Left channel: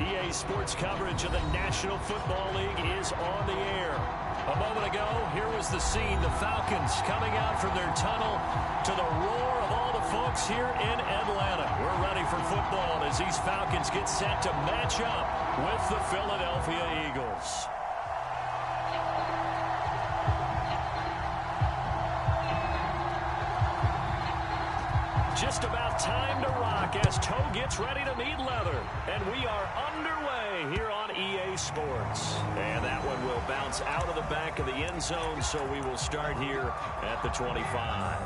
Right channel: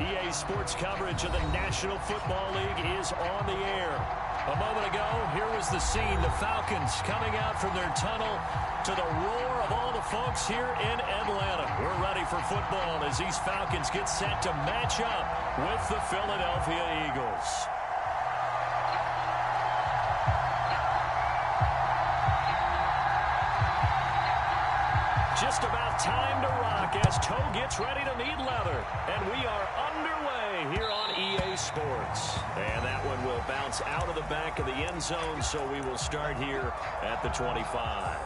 EA Sports coverage of the National Football League is on the air. A moment ago, here was the scene. The Falcons coming out from their tunnel to the roar of all the folks here in Atlanta. We're ready for football as these Falcons get set to match up with the Philadelphia Eagles. Just about time to rock as toe gets ready to meet leather. And we are underway here on EA Sports. And that one will bounce out of the back of the end zone, so we will start here at the 25.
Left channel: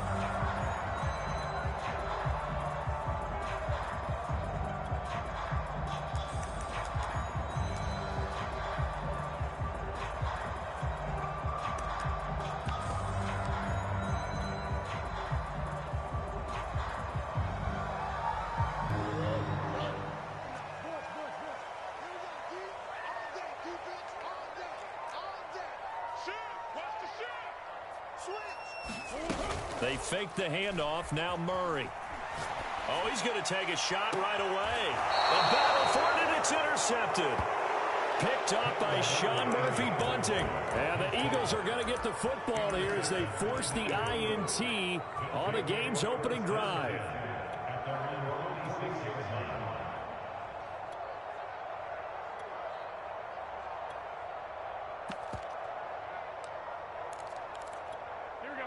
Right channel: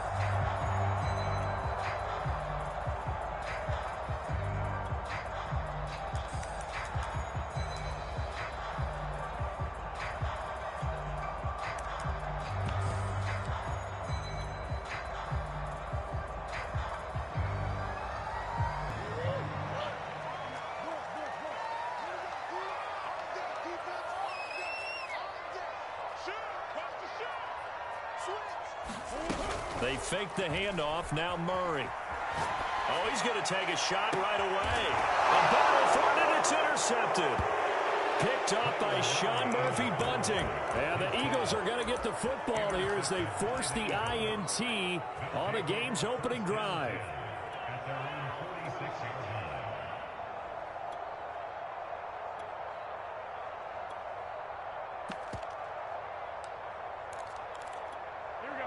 They fake the handoff. Now Murray. Oh, he's going to take a shot right away. A battle for it, and it's intercepted. Picked up by Sean Murphy-Bunting. And the Eagles are going to get the football here as they force the INT on the game's opening drive.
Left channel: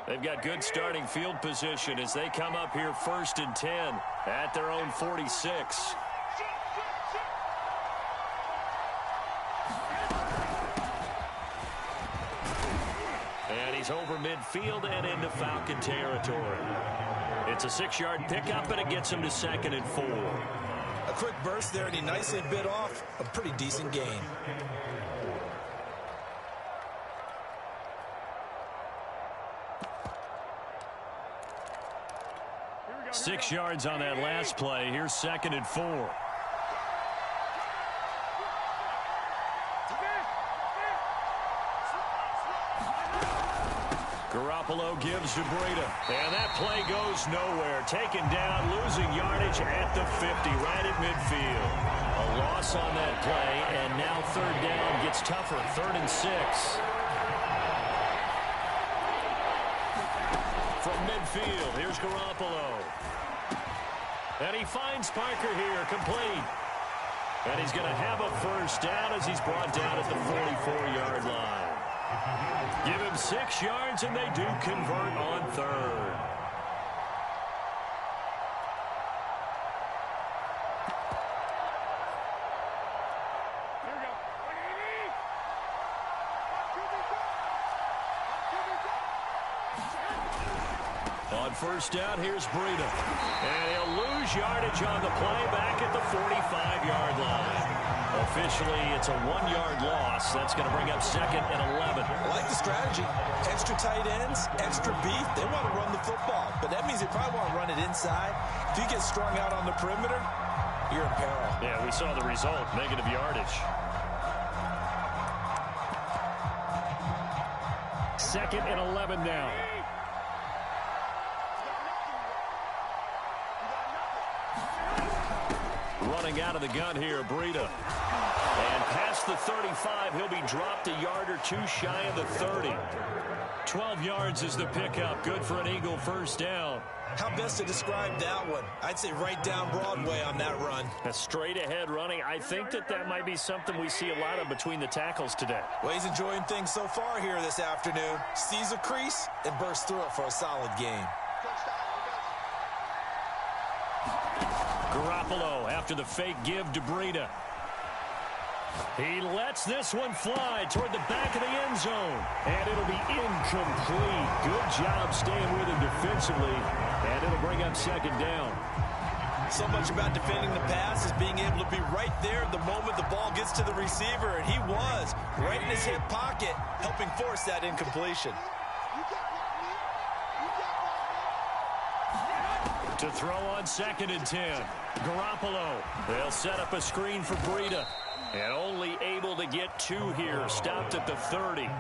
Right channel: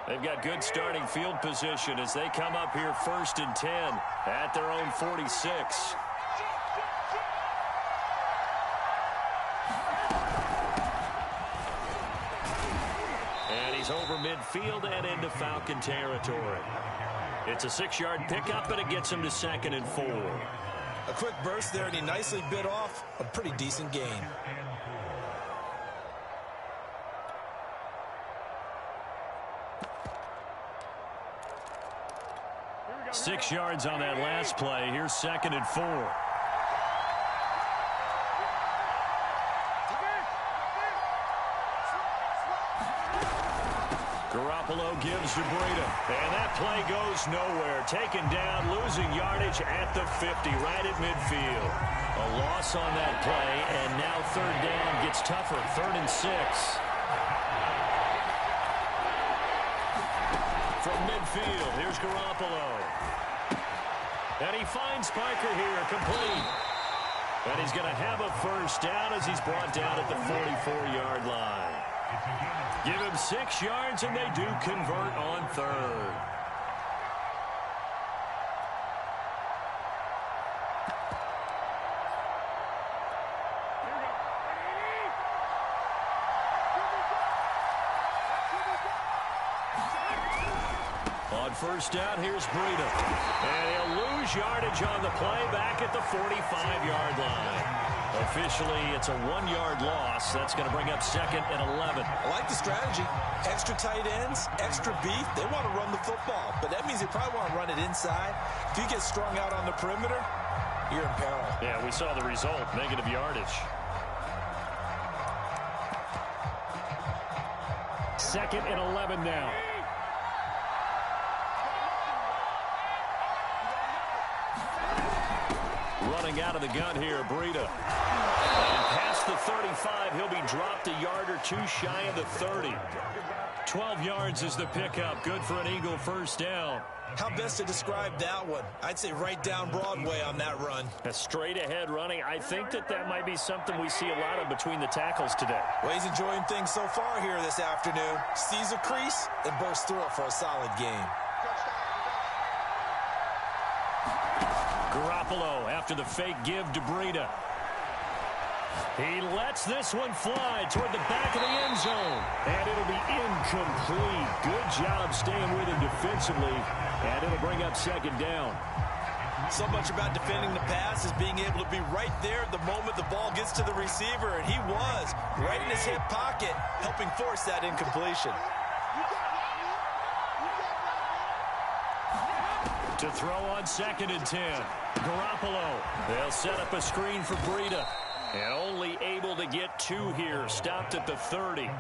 They've got good starting field position as they come up here 1st and 10 at their own 46. And he's over midfield and into Falcon territory. It's a 6-yard pickup, and it gets him to 2nd and 4. A quick burst there, and he nicely bit off a pretty decent gain. 6 yards on that last play. Here's 2nd and 4. Garoppolo gives to Breida. And that play goes nowhere. Taken down, losing yardage at the 50, right at midfield. A loss on that play, and now 3rd down gets tougher. 3rd and 6. From midfield, here's Garoppolo. And he finds Parker here, complete. And he's going to have a 1st down as he's brought down at the 44-yard line. Give him 6 yards, and they do convert on 3rd. On 1st down, here's Breida. And he'll lose yardage on the play back at the 45-yard line. Officially, it's a 1-yard loss. That's going to bring up 2nd and 11. I like the strategy. Extra tight ends, extra beef. They want to run the football, but that means they probably want to run it inside. If you get strung out on the perimeter, you're in peril. Yeah, we saw the result, negative yardage. 2nd and 11 now. Running out of the gun here, Breida. And past the 35, he'll be dropped a yard or 2 shy of the 30. 12 yards is the pickup. Good for an Eagle 1st down. How best to describe that one? I'd say right down Broadway on that run. A straight ahead running. I think that might be something we see a lot of between the tackles today. Well, he's enjoying things so far here this afternoon. Sees a crease and bursts through it for a solid gain. Garoppolo after the fake give to Breida. He lets this one fly toward the back of the end zone. And it'll be incomplete. Good job staying with him defensively. And it'll bring up 2nd down. So much about defending the pass is being able to be right there the moment the ball gets to the receiver. And he was right in his hip pocket, helping force that incompletion. To throw on 2nd and 10. Garoppolo. They'll set up a screen for Breida. And only able to get 2 here. Stopped at the 30.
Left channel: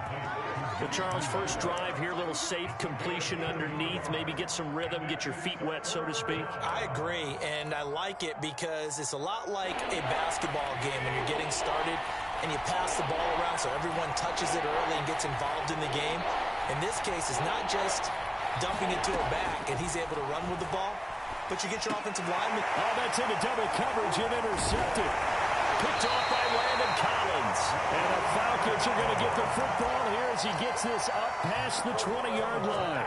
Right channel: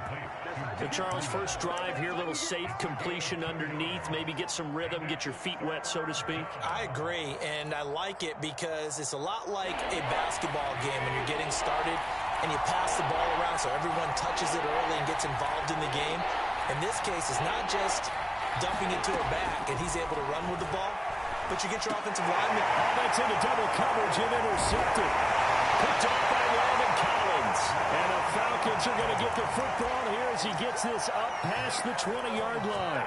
But Charles, first drive here, little safe completion underneath, maybe get some rhythm, get your feet wet, so to speak. I agree, and I like it because it's a lot like a basketball game when you're getting started and you pass the ball around so everyone touches it early and gets involved in the game. In this case, it's not just dumping it to her back and he's able to run with the ball, but you get your offensive lineman. Oh, that's into double coverage and intercepted. Picked off by Landon Collins. And the Falcons are going to get the football here as he gets this up past the 20-yard line.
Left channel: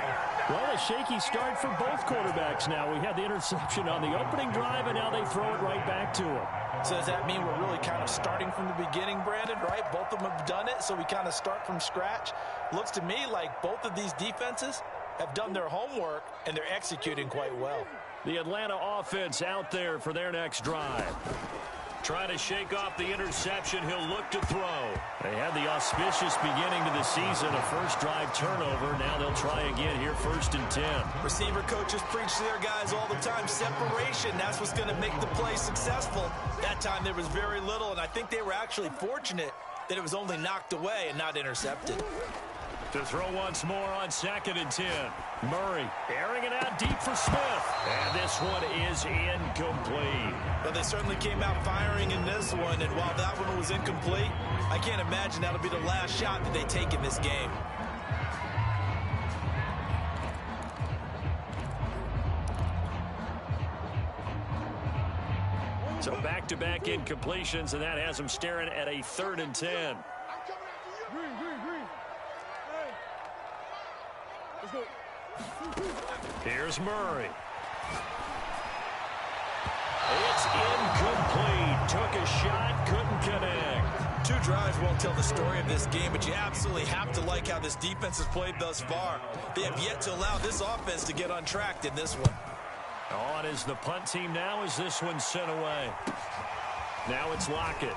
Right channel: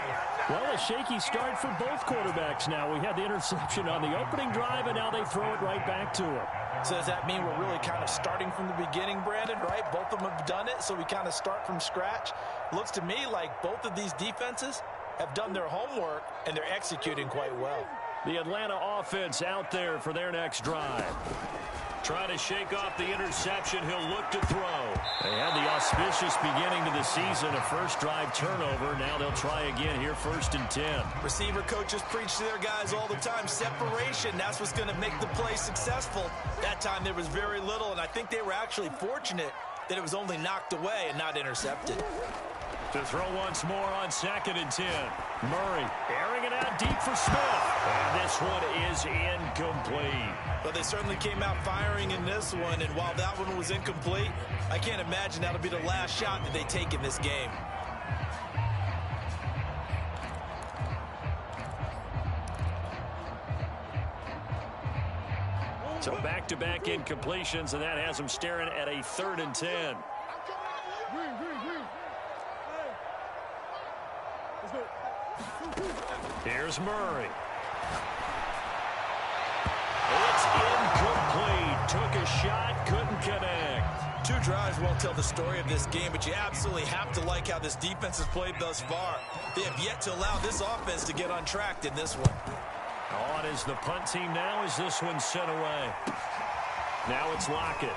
Well, a shaky start for both quarterbacks now. We had the interception on the opening drive, and now they throw it right back to him. So does that mean we're really kind of starting from the beginning, Brandon, right? Both of them have done it, so we kind of start from scratch. Looks to me like both of these defenses have done their homework, and they're executing quite well. The Atlanta offense out there for their next drive. Trying to shake off the interception. He'll look to throw. They had the auspicious beginning to the season, a first drive turnover. Now they'll try again here, 1st and 10. Receiver coaches preach to their guys all the time. Separation, that's what's going to make the play successful. That time there was very little, and I think they were actually fortunate that it was only knocked away and not intercepted. To throw once more on 2nd and 10. Murray airing it out deep for Smith. And this one is incomplete. But they certainly came out firing in this one, and while that one was incomplete, I can't imagine that'll be the last shot that they take in this game. So back-to-back incompletions, and that has them staring at a 3rd and 10. Here's Murray. It's incomplete. Took a shot, couldn't connect. 2 drives won't tell the story of this game, but you absolutely have to like how this defense has played thus far. They have yet to allow this offense to get untracked in this one. On is the punt team now as this one's sent away. Now it's Lockett.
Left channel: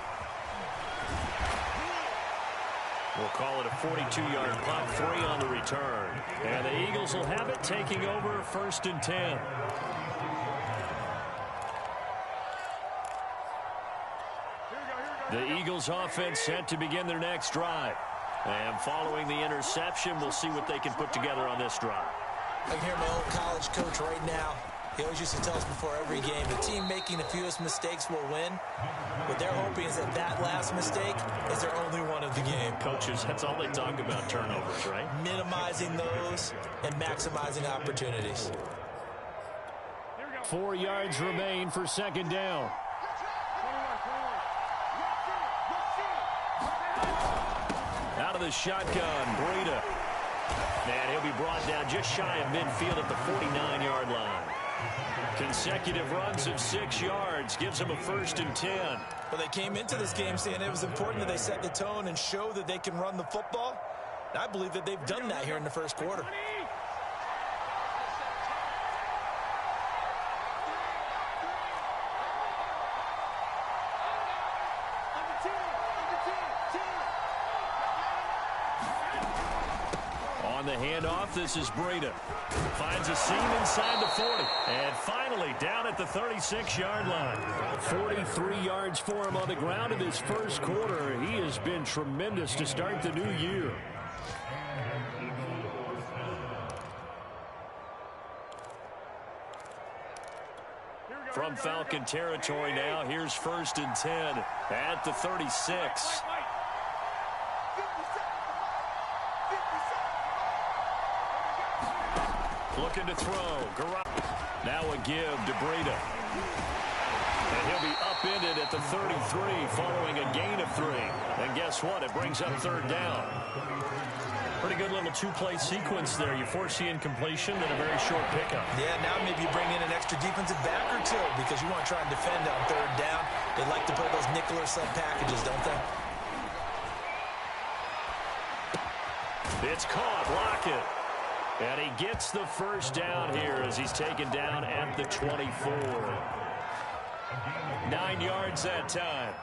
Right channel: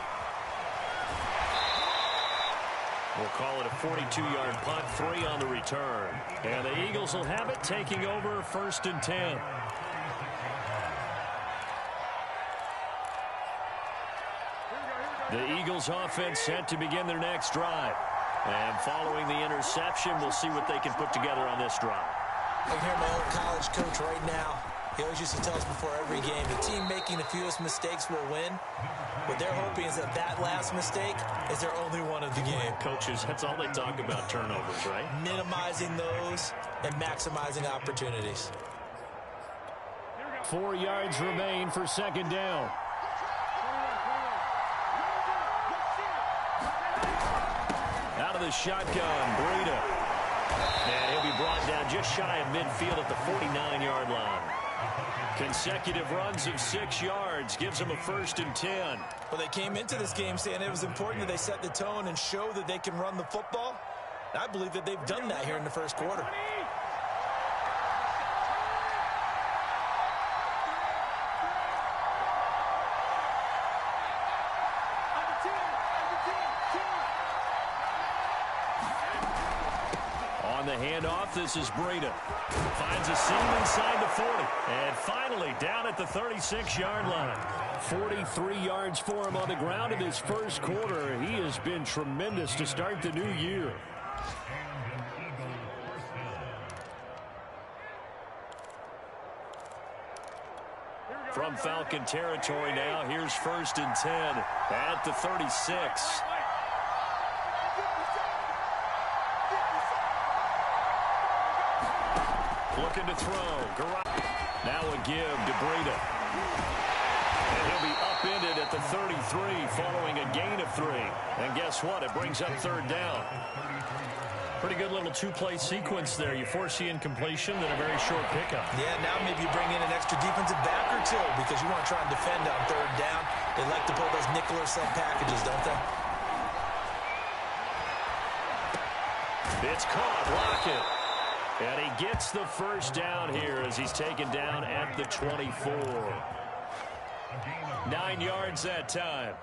We'll call it a 42-yard punt, 3 on the return. And the Eagles will have it, taking over 1st and 10. The Eagles offense set to begin their next drive. And following the interception, we'll see what they can put together on this drive. I can hear my old college coach right now. He always used to tell us before every game, the team making the fewest mistakes will win. What they're hoping is that last mistake is their only one of the game. Coaches, that's all they talk about, turnovers, right? Minimizing those and maximizing opportunities. 4 yards remain for 2nd down. Out of the shotgun, Breida. And he'll be brought down just shy of midfield at the 49-yard line. Consecutive runs of 6 yards gives them a 1st and 10. Well, they came into this game saying it was important that they set the tone and show that they can run the football. And I believe that they've done that here in the first quarter. On the handoff, this is Breida. Finds a seam inside the 40. And finally down at the 36-yard line. 43 yards for him on the ground in his first quarter. He has been tremendous to start the new year. From Falcon territory now, here's 1st and 10 at the 36. Looking to throw. Now a give to Breida. And he'll be upended at the 33 following a gain of 3. And guess what? It brings up 3rd down. Pretty good little 2-play sequence there. You force the incompletion, then a very short pickup. Yeah, now maybe you bring in an extra defensive back or 2 because you want to try and defend on 3rd down. They like to pull those nickel or sub packages, don't they? It's caught. Lockett. And he gets the 1st down here as he's taken down at the 24. 9 yards that time.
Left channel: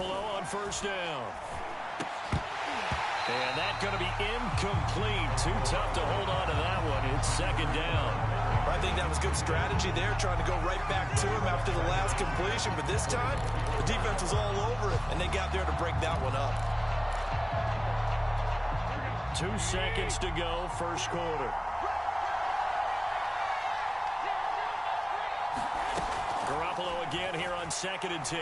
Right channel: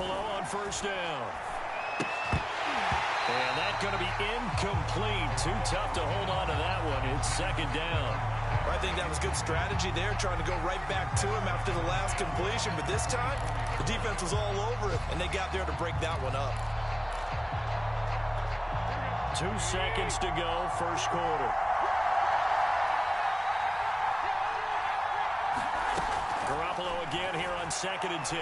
Garoppolo on first down. And that's going to be incomplete. Too tough to hold on to that one. It's second down. I think that was good strategy there, trying to go right back to him after the last completion. But this time, the defense was all over it, and they got there to break that one up. 2 seconds to go, first quarter. Garoppolo again here on 2nd and 10.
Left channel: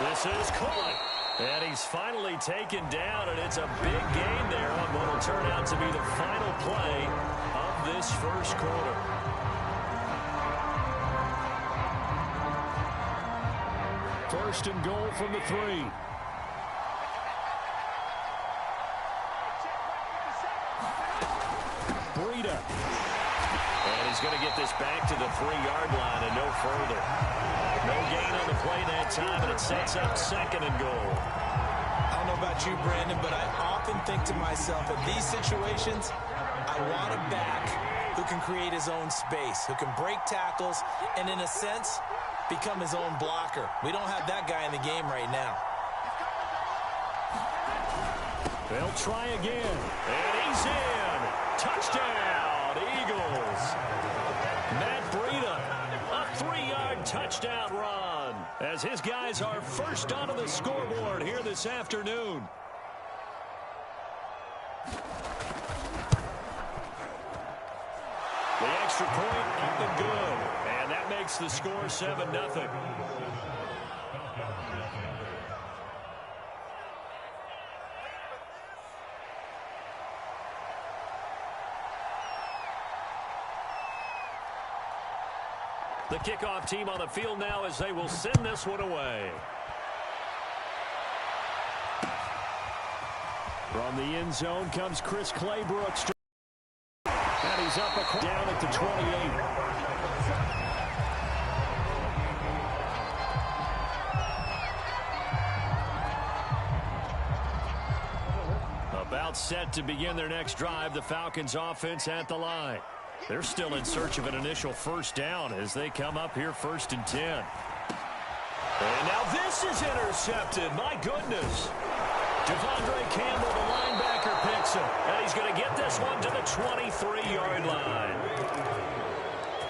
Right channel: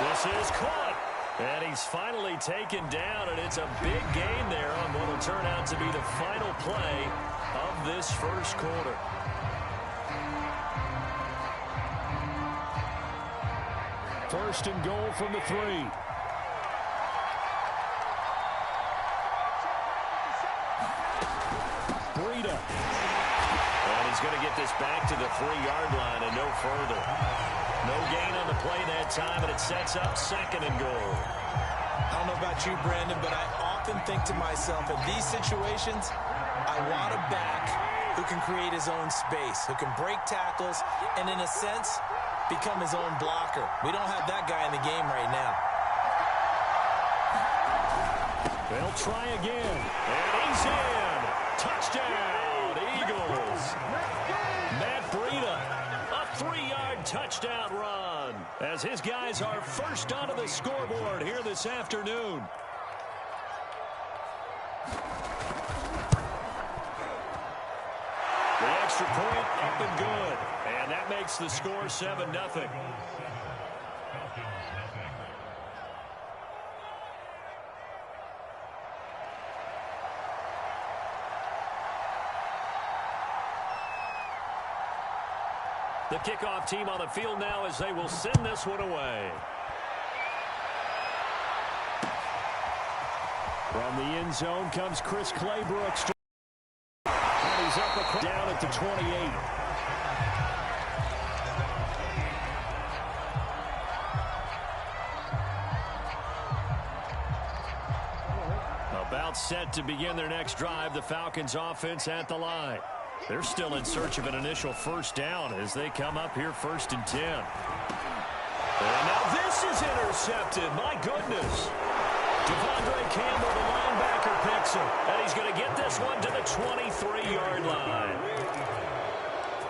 This is caught. And he's finally taken down, and it's a big gain there on what will turn out to be the final play of this first quarter. First and goal from the 3. Breida. And he's going to get this back to the 3-yard line and no further. No gain on the play that time, and it sets up 2nd and goal. I don't know about you, Brandon, but I often think to myself, in these situations, I want a back who can create his own space, who can break tackles, and in a sense, become his own blocker. We don't have that guy in the game right now. They'll try again, and he's in. Touchdown, Eagles. Matt Breida, a 3-yard touchdown run, as his guys are first onto the scoreboard here this afternoon. The extra point up and good, and that makes the score 7-0. The kickoff team on the field now as they will send this one away. From the end zone comes Chris Claybrooks. And he's up across down at the 28. About set to begin their next drive, the Falcons offense at the line. They're still in search of an initial first down as they come up here 1st and 10. And now this is intercepted. My goodness. Devondre Campbell, the linebacker, picks him. And he's going to get this one to the 23-yard line.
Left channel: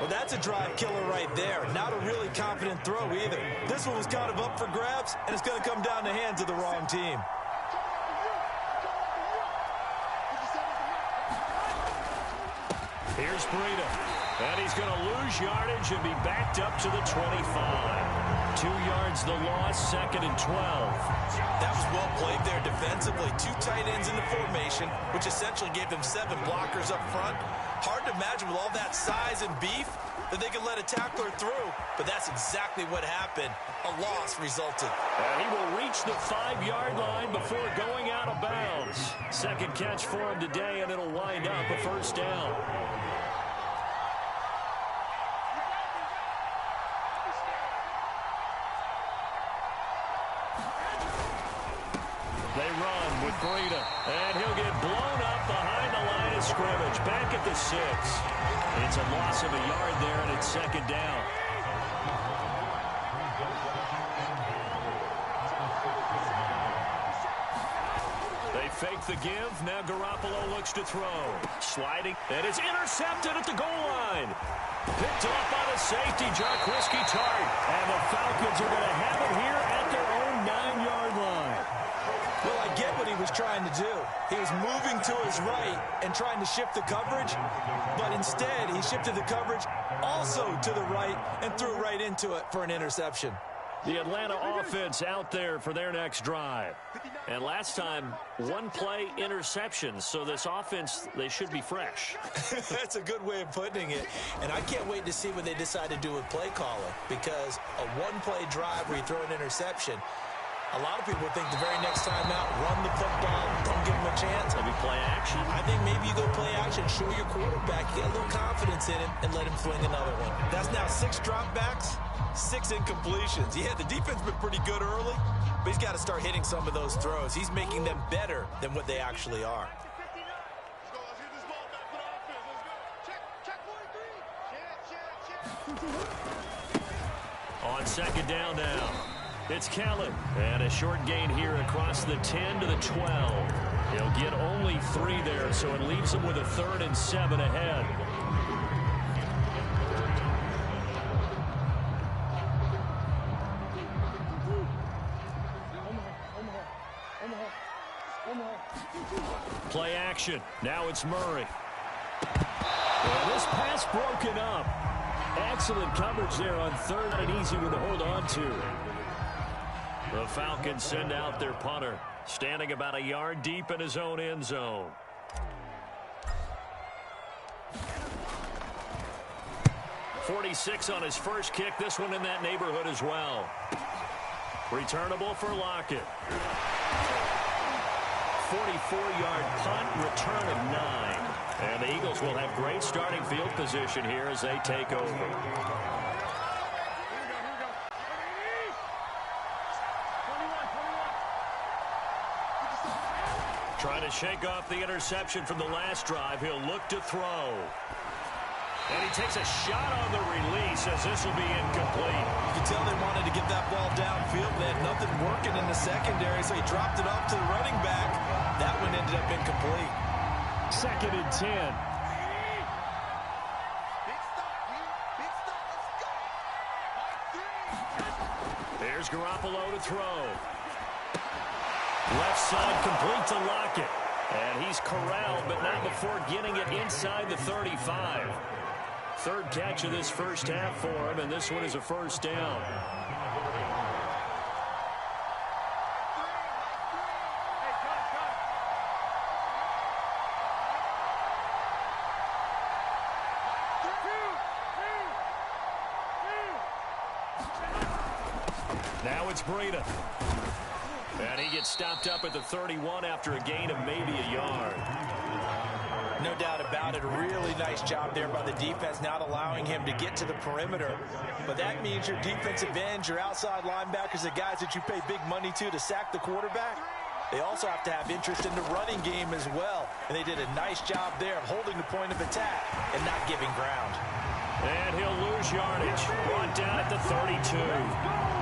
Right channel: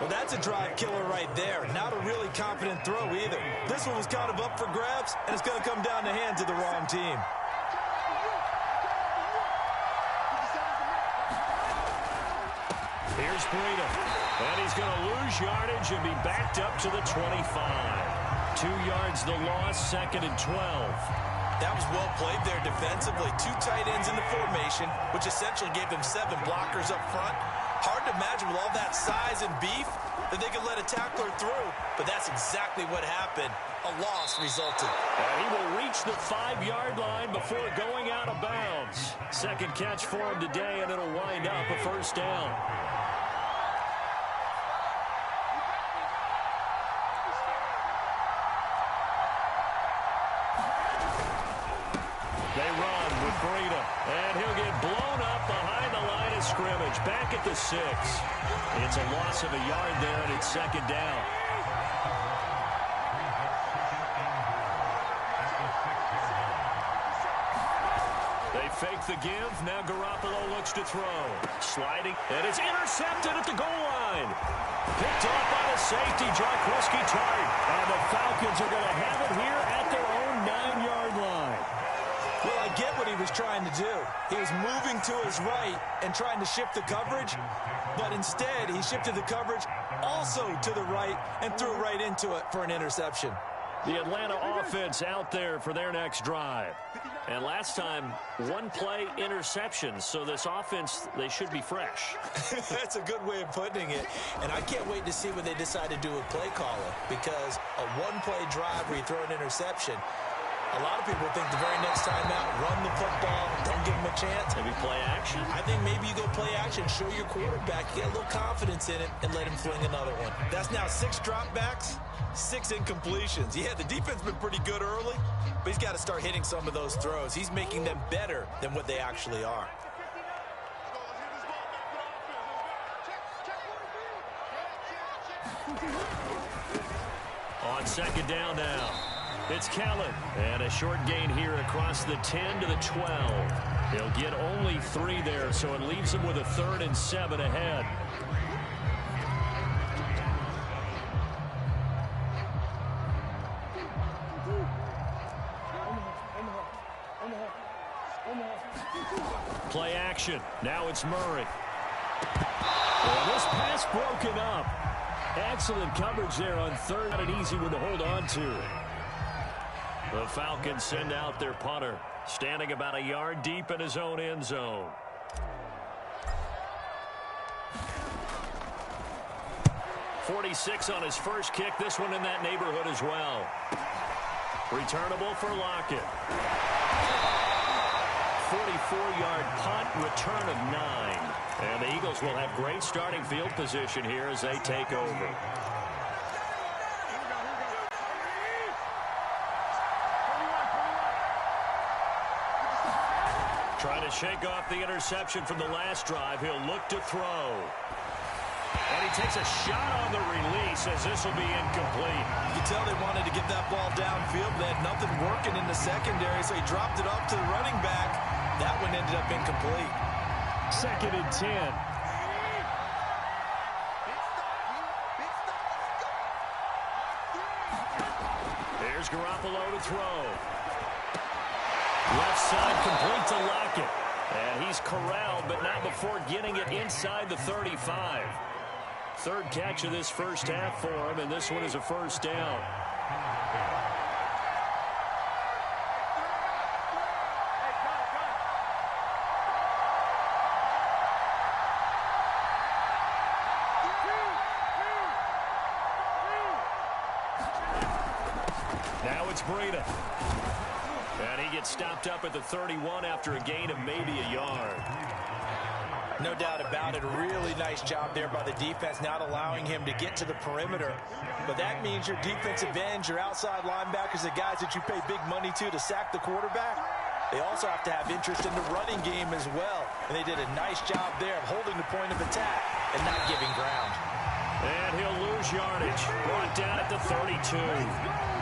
Well, that's a drive killer right there. Not a really confident throw either. This one was kind of up for grabs, and it's going to come down the hands of the wrong team. Here's Breida, and he's going to lose yardage and be backed up to the 25. 2 yards the loss, 2nd and 12. That was well played there defensively. 2 tight ends in the formation, which essentially gave them 7 blockers up front. Hard to imagine with all that size and beef that they could let a tackler through, but that's exactly what happened. A loss resulted. And he will reach the 5-yard line before going out of bounds. Second catch for him today, and it'll wind up a first down. They run with Breida, and he'll get blown up behind the line of scrimmage, back at the 6. It's a loss of a yard there, and it's 2nd down. They fake the give. Now Garoppolo looks to throw. Sliding, and it's intercepted at the goal line. Picked off by the safety, Jarquiski Tart. And the Falcons are going to have it here at their own 9-yard line. Well, I get what he was trying to do. He was moving to his right and trying to shift the coverage, but instead he shifted the coverage also to the right and threw right into it for an interception. The Atlanta offense out there for their next drive. And last time, 1-play interceptions. So this offense, they should be fresh. That's a good way of putting it. And I can't wait to see what they decide to do with play calling, because a 1-play drive where you throw an interception, a lot of people think the very next time out, run the football, don't give him a chance. Maybe play action? I think maybe you go play action, show your quarterback, you got a little confidence in him, and let him fling another one. That's now 6 dropbacks, 6 incompletions. Yeah, the defense has been pretty good early, but he's got to start hitting some of those throws. He's making them better than what they actually are. On 2nd down now. It's Kellen. And a short gain here across the 10 to the 12. He'll get only 3 there, so it leaves him with a 3rd and 7 ahead. Play action. Now it's Murray. And this pass broken up. Excellent coverage there on 3rd. Not an easy one to hold on to. The Falcons send out their punter, standing about a yard deep in his own end zone. .46 on his first kick. This one in that neighborhood as well. Returnable for Lockett. 44-yard punt, return of 9. And the Eagles will have great starting field position here as they take over. Trying to shake off the interception from the last drive. He'll look to throw. And he takes a shot on the release as this will be incomplete. You can tell they wanted to get that ball downfield, but they had nothing working in the secondary, so he dropped it off to the running back. That one ended up incomplete. 2nd and 10. Here's Garoppolo to throw. Left side complete to Lockett. And he's corralled, but not before getting it inside the 35. 3rd catch of this first half for him, and this one is a 1st down. Now it's Breida. And he gets stopped up at the 31 after a gain of maybe a yard. No doubt about it. Really nice job there by the defense, not allowing him to get to the perimeter. But that means your defensive ends, your outside linebackers, the guys that you pay big money to sack the quarterback, they also have to have interest in the running game as well. And they did a nice job there of holding the point of attack and not giving ground. And he'll lose yardage. Brought down at the 32.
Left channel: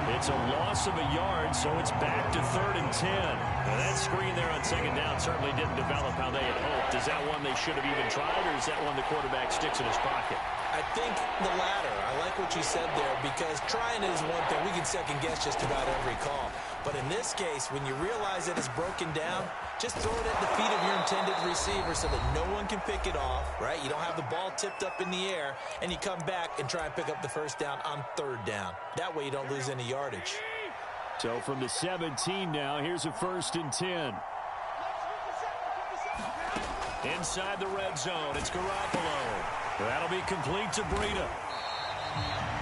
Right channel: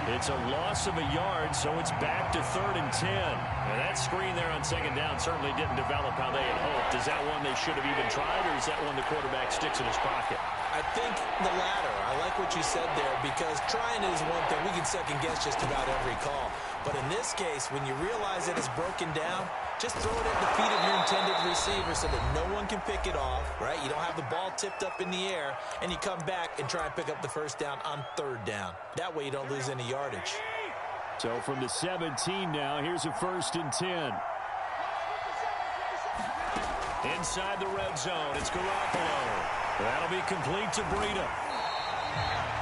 It's a loss of a yard, so it's back to 3rd and 10. And that screen there on 2nd down certainly didn't develop how they had hoped. Is that one they should have even tried, or is that one the quarterback sticks in his pocket? I think the latter. I like what you said there, because trying is one thing. We can second guess just about every call. But in this case, when you realize that it's broken down, just throw it at the feet of your intended receiver so that no one can pick it off, right? You don't have the ball tipped up in the air, and you come back and try and pick up the 1st down on 3rd down. That way you don't lose any yardage. So from the 17 now, here's a 1st and 10. Inside the red zone, it's Garoppolo. That'll be complete to Breida.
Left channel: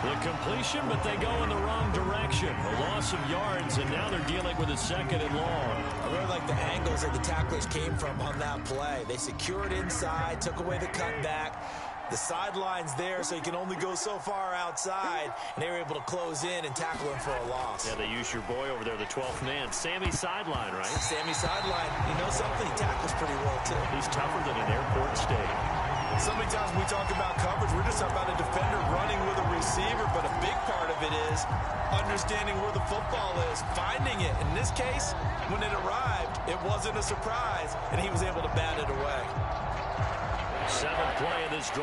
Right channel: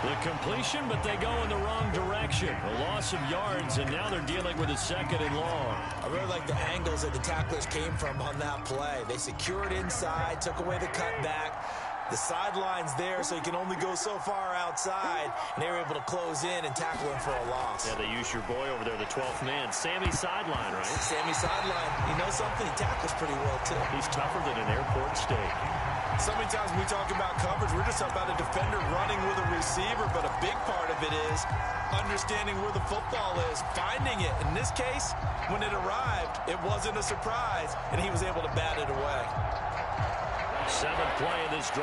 The completion, but they go in the wrong direction. A loss of yards, and now they're dealing with a 2nd and long. I really like the angles that the tacklers came from on that play. They secured inside, took away the cutback. The sideline's there, so he can only go so far outside, and they were able to close in and tackle him for a loss. Yeah, they use your boy over there, the 12th man. Sammy Sideline, right? Sammy Sideline. You know something? He tackles pretty well, too. He's tougher than an airport steak. So many times when we talk about coverage, we're just talking about a defender running with a receiver, but a big part of it is understanding where the football is, finding it. In this case, when it arrived, it wasn't a surprise, and he was able to bat it away. 7th play of this drive.